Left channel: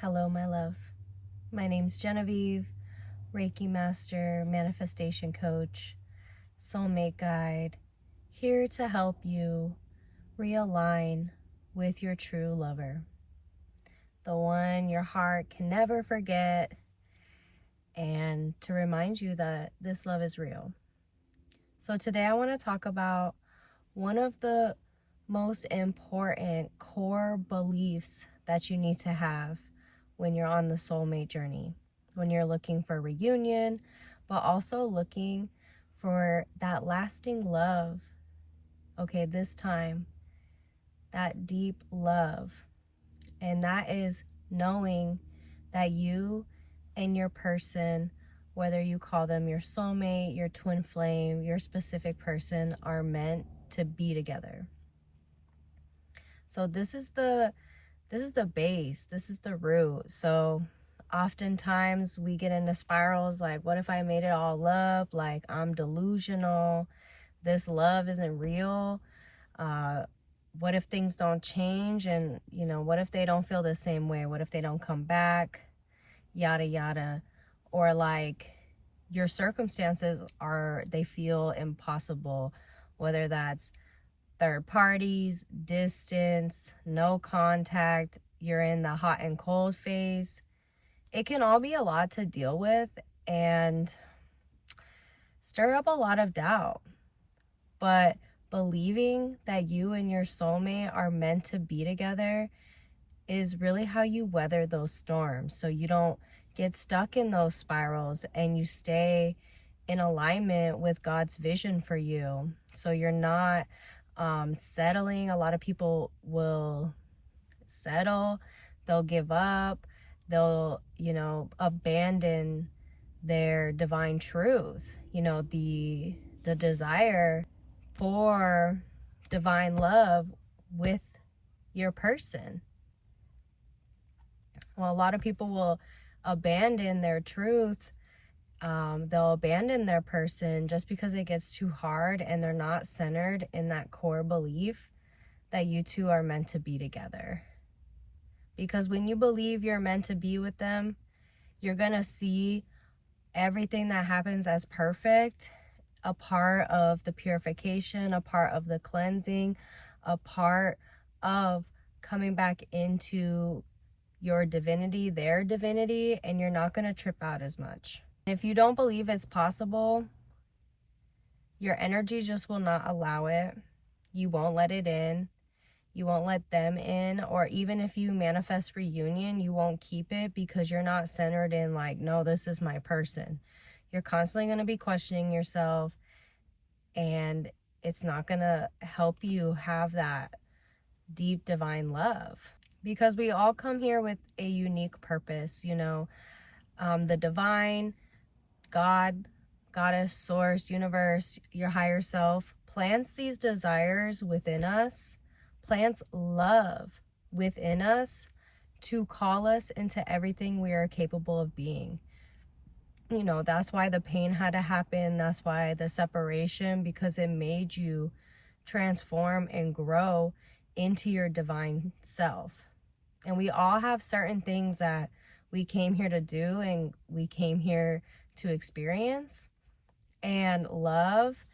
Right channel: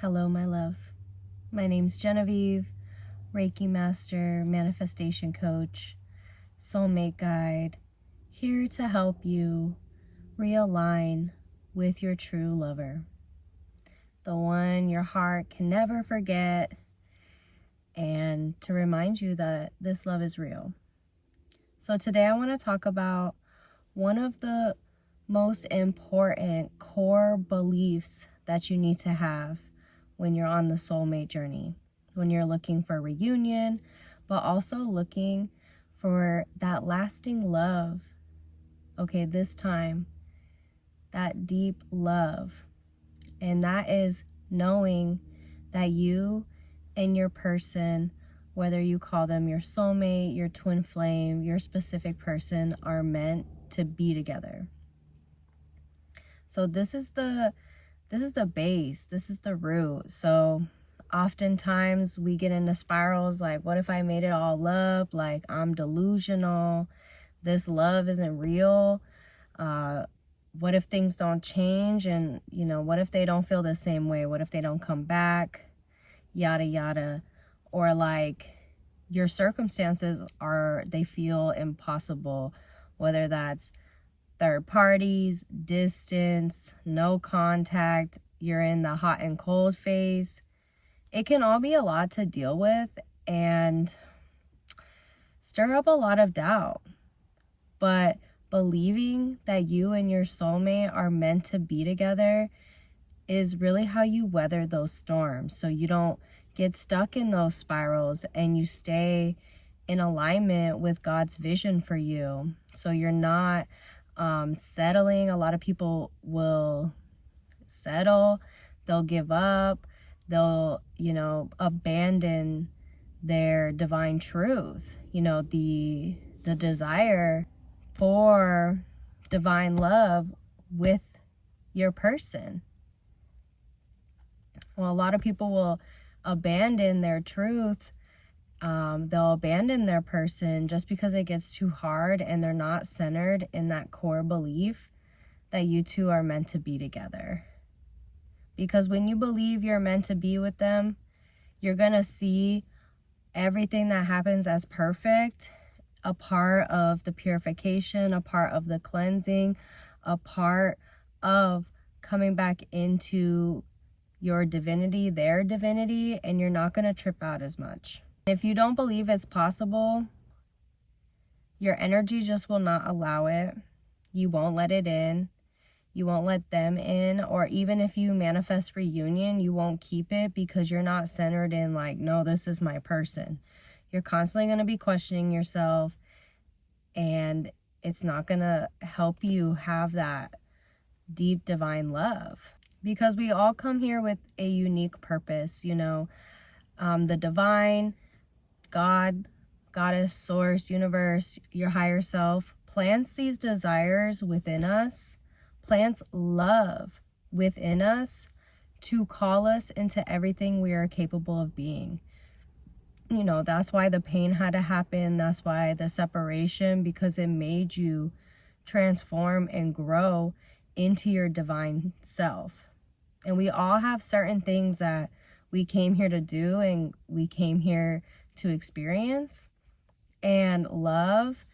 Hello, my love. My name's Genevieve, Reiki Master, Manifestation Coach, Soulmate Guide, here to help you realign with your true lover, the one your heart can never forget, and to remind you that this love is real. So today I want to talk about one of the most important core beliefs that you need to have when you're on the soulmate journey, when you're looking for reunion, but also looking for that lasting love. Okay, this time, that deep love. And that is knowing that you and your person, whether you call them your soulmate, your twin flame, your specific person, are meant to be together. So this is the base, this is the root. So oftentimes we get into spirals like, what if I made it all up? Like, I'm delusional. This love isn't real. What if things don't change? And, what if they don't feel the same way? What if they don't come back? Yada, yada. Or like, your circumstances they feel impossible, whether that's third parties, distance, no contact, you're in the hot and cold phase. It can all be a lot to deal with and stir up a lot of doubt. But believing that you and your soulmate are meant to be together is really how you weather those storms. So you don't get stuck in those spirals and you stay in alignment with God's vision for you. So you're not settling. A lot of people will settle, they'll give up, they'll, abandon their divine truth, the desire for divine love with your person. Well, a lot of people will abandon their truth. They'll abandon their person just because it gets too hard and they're not centered in that core belief that you two are meant to be together. Because when you believe you're meant to be with them, you're going to see everything that happens as perfect, a part of the purification, a part of the cleansing, a part of coming back into your divinity, their divinity, and you're not going to trip out as much. If you don't believe it's possible, your energy just will not allow it. You won't let it in. You won't let them in. Or even if you manifest reunion, you won't keep it because you're not centered in like, no, this is my person. You're constantly going to be questioning yourself, and it's not going to help you have that deep divine love. Because we all come here with a unique purpose, the divine, God, goddess, source, universe, your higher self plants these desires within us, plants love within us to call us into everything we are capable of being. That's why the pain had to happen. That's why the separation, because it made you transform and grow into your divine self. And we all have certain things that we came here to do and we came here to experience. And love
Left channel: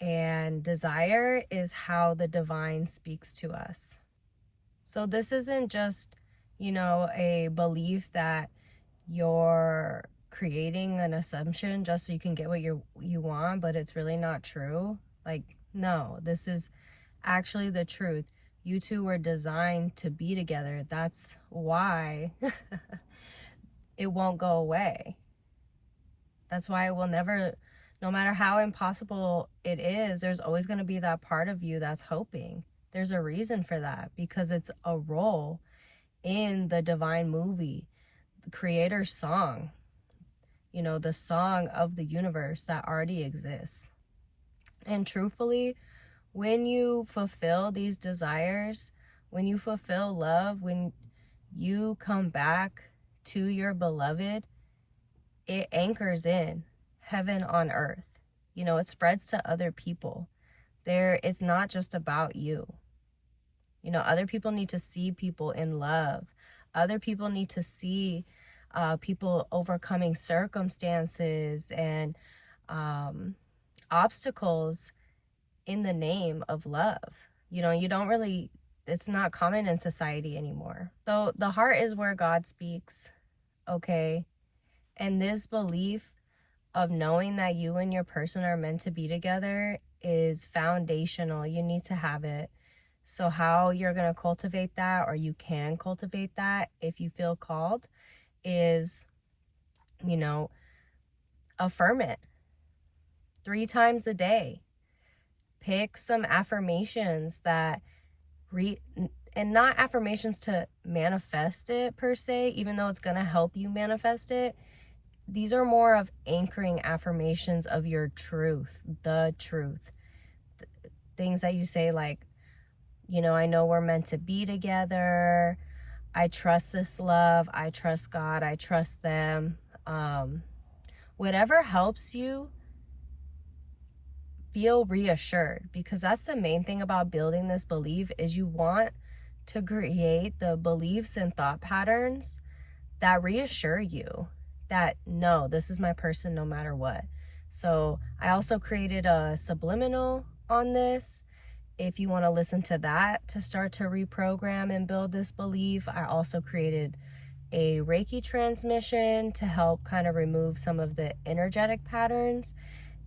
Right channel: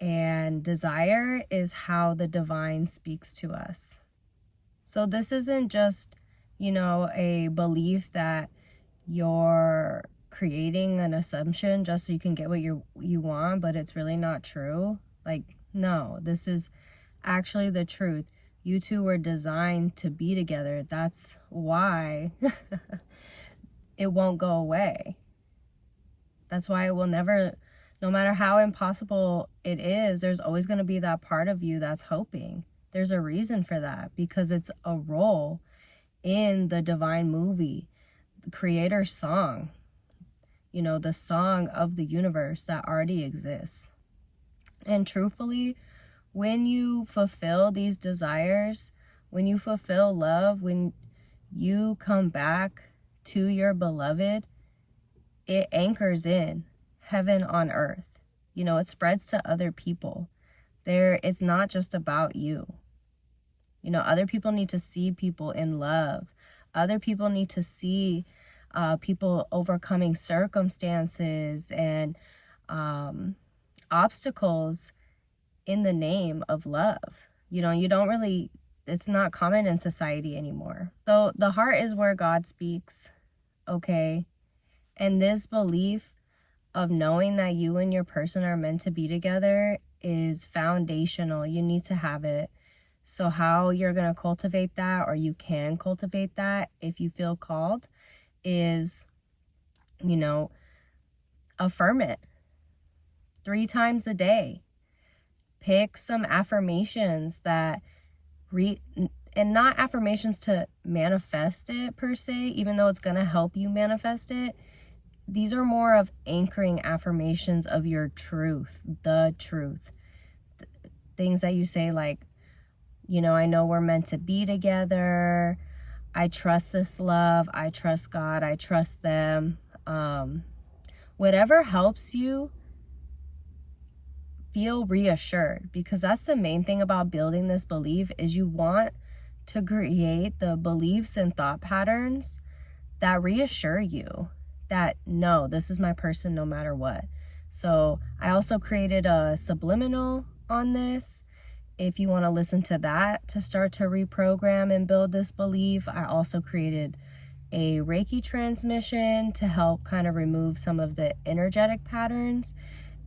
and desire is how the divine speaks to us. So this isn't just, a belief that you're creating an assumption just so you can get what you want, but it's really not true. Like, no, this is actually the truth. You two were designed to be together. That's why it won't go away. That's why it will never, no matter how impossible it is, there's always going to be that part of you that's hoping. There's a reason for that, because it's a role in the divine movie, the creator's song, the song of the universe that already exists. And truthfully, when you fulfill these desires, when you fulfill love, when you come back to your beloved, it anchors in heaven on earth. It spreads to other people. It's not just about you. Other people need to see people in love. Other people need to see people overcoming circumstances and obstacles in the name of love. You don't really, it's not common in society anymore. So the heart is where God speaks, okay? And this belief of knowing that you and your person are meant to be together is foundational. You need to have it. So how you're going to cultivate that, or you can cultivate that if you feel called, is, affirm it 3 times a day. Pick some affirmations that and not affirmations to manifest it per se, even though it's going to help you manifest it. These are more of anchoring affirmations of your truth, the truth. Things that you say like, I know we're meant to be together. I trust this love. I trust God. I trust them. Whatever helps you feel reassured, because that's the main thing about building this belief, is you want to create the beliefs and thought patterns that reassure you that, no, this is my person no matter what. So I also created a subliminal on this. If you want to listen to that to start to reprogram and build this belief, I also created a Reiki transmission to help kind of remove some of the energetic patterns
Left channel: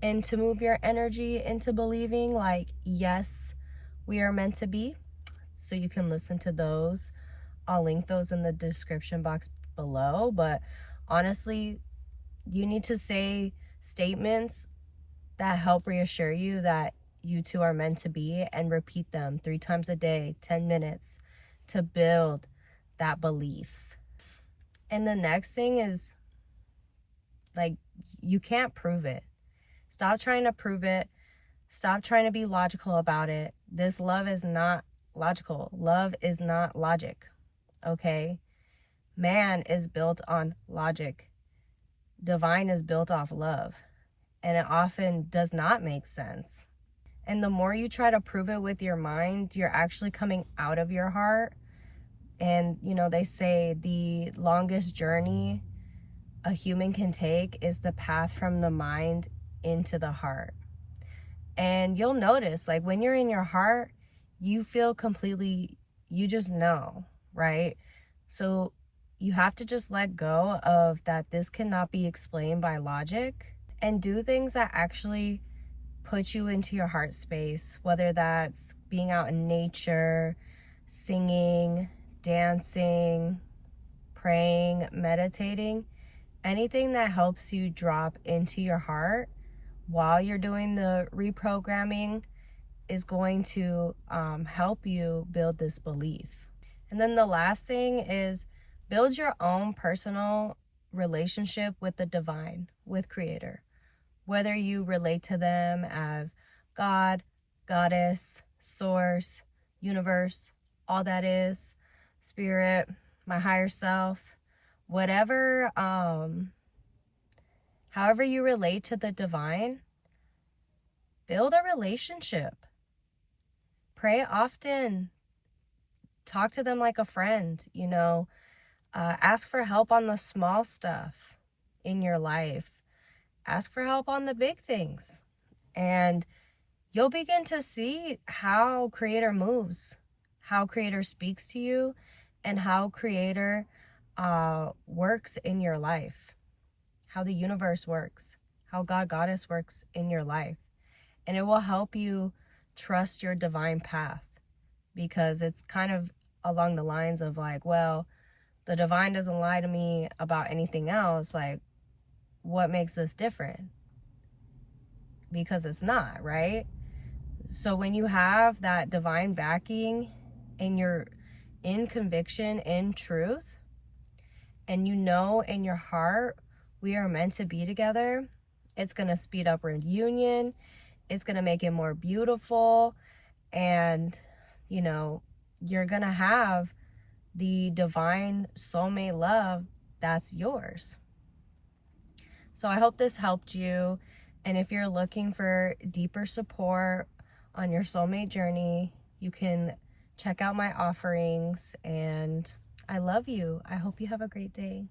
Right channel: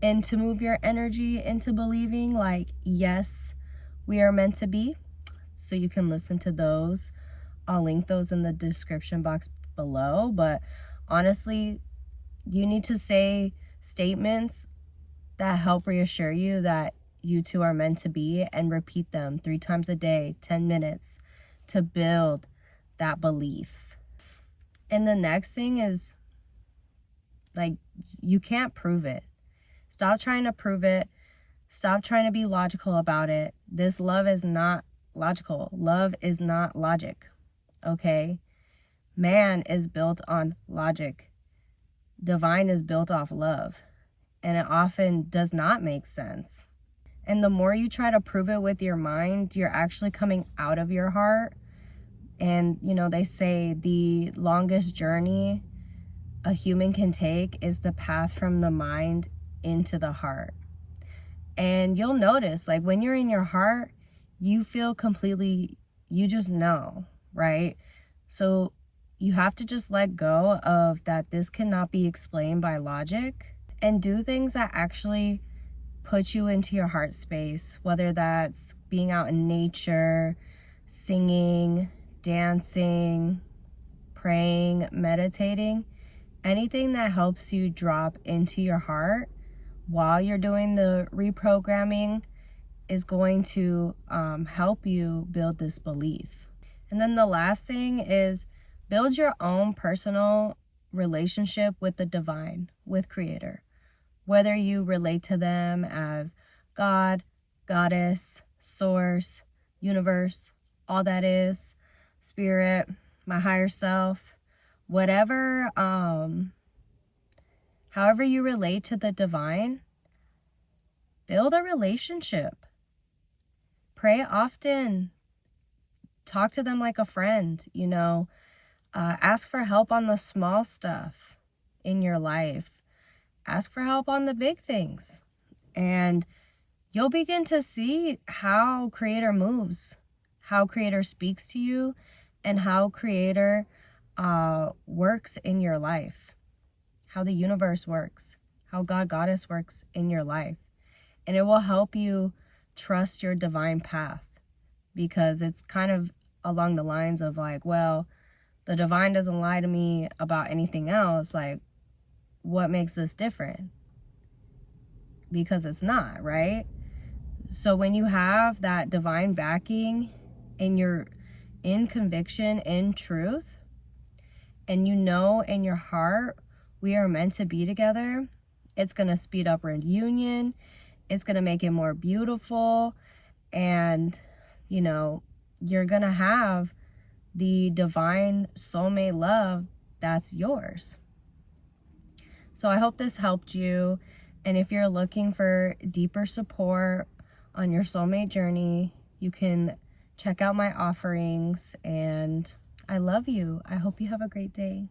and to move your energy into believing like, yes, we are meant to be. So you can listen to those. I'll link those in the description box below. But honestly, you need to say statements that help reassure you that you two are meant to be, and repeat them 3 times a day, 10 minutes, to build that belief. And the next thing is, like, you can't prove it. Stop trying to prove it. Stop trying to be logical about it. This love is not logical. Love is not logic, okay? Man is built on logic. Divine is built off love. And it often does not make sense. And the more you try to prove it with your mind, you're actually coming out of your heart. And, they say the longest journey a human can take is the path from the mind into the heart. And you'll notice, like, when you're in your heart, you feel completely, you just know, right? So you have to just let go of that this cannot be explained by logic, and do things that actually put you into your heart space, whether that's being out in nature, singing, dancing, praying, meditating, anything that helps you drop into your heart while you're doing the reprogramming is going to help you build this belief. And then the last thing is build your own personal relationship with the divine, with Creator. Whether you relate to them as God, Goddess, Source, Universe, all that is, Spirit, my higher self, whatever, however you relate to the divine, build a relationship. Pray often. Talk to them like a friend, ask for help on the small stuff in your life. Ask for help on the big things. And you'll begin to see how Creator moves, how Creator speaks to you, and how Creator works in your life, how the universe works, how God, Goddess works in your life. And it will help you trust your divine path, because it's kind of along the lines of like, well, the divine doesn't lie to me about anything else. Like, what makes this different? Because it's not, right? So when you have that divine backing and you're in conviction, in truth, and you know in your heart we are meant to be together, it's going to speed up our union. It's going to make it more beautiful. And, you're going to have the divine soulmate love that's yours. So I hope this helped you. And if you're looking for deeper support on your soulmate journey, you can check out my offerings, and I love you. I hope you have a great day.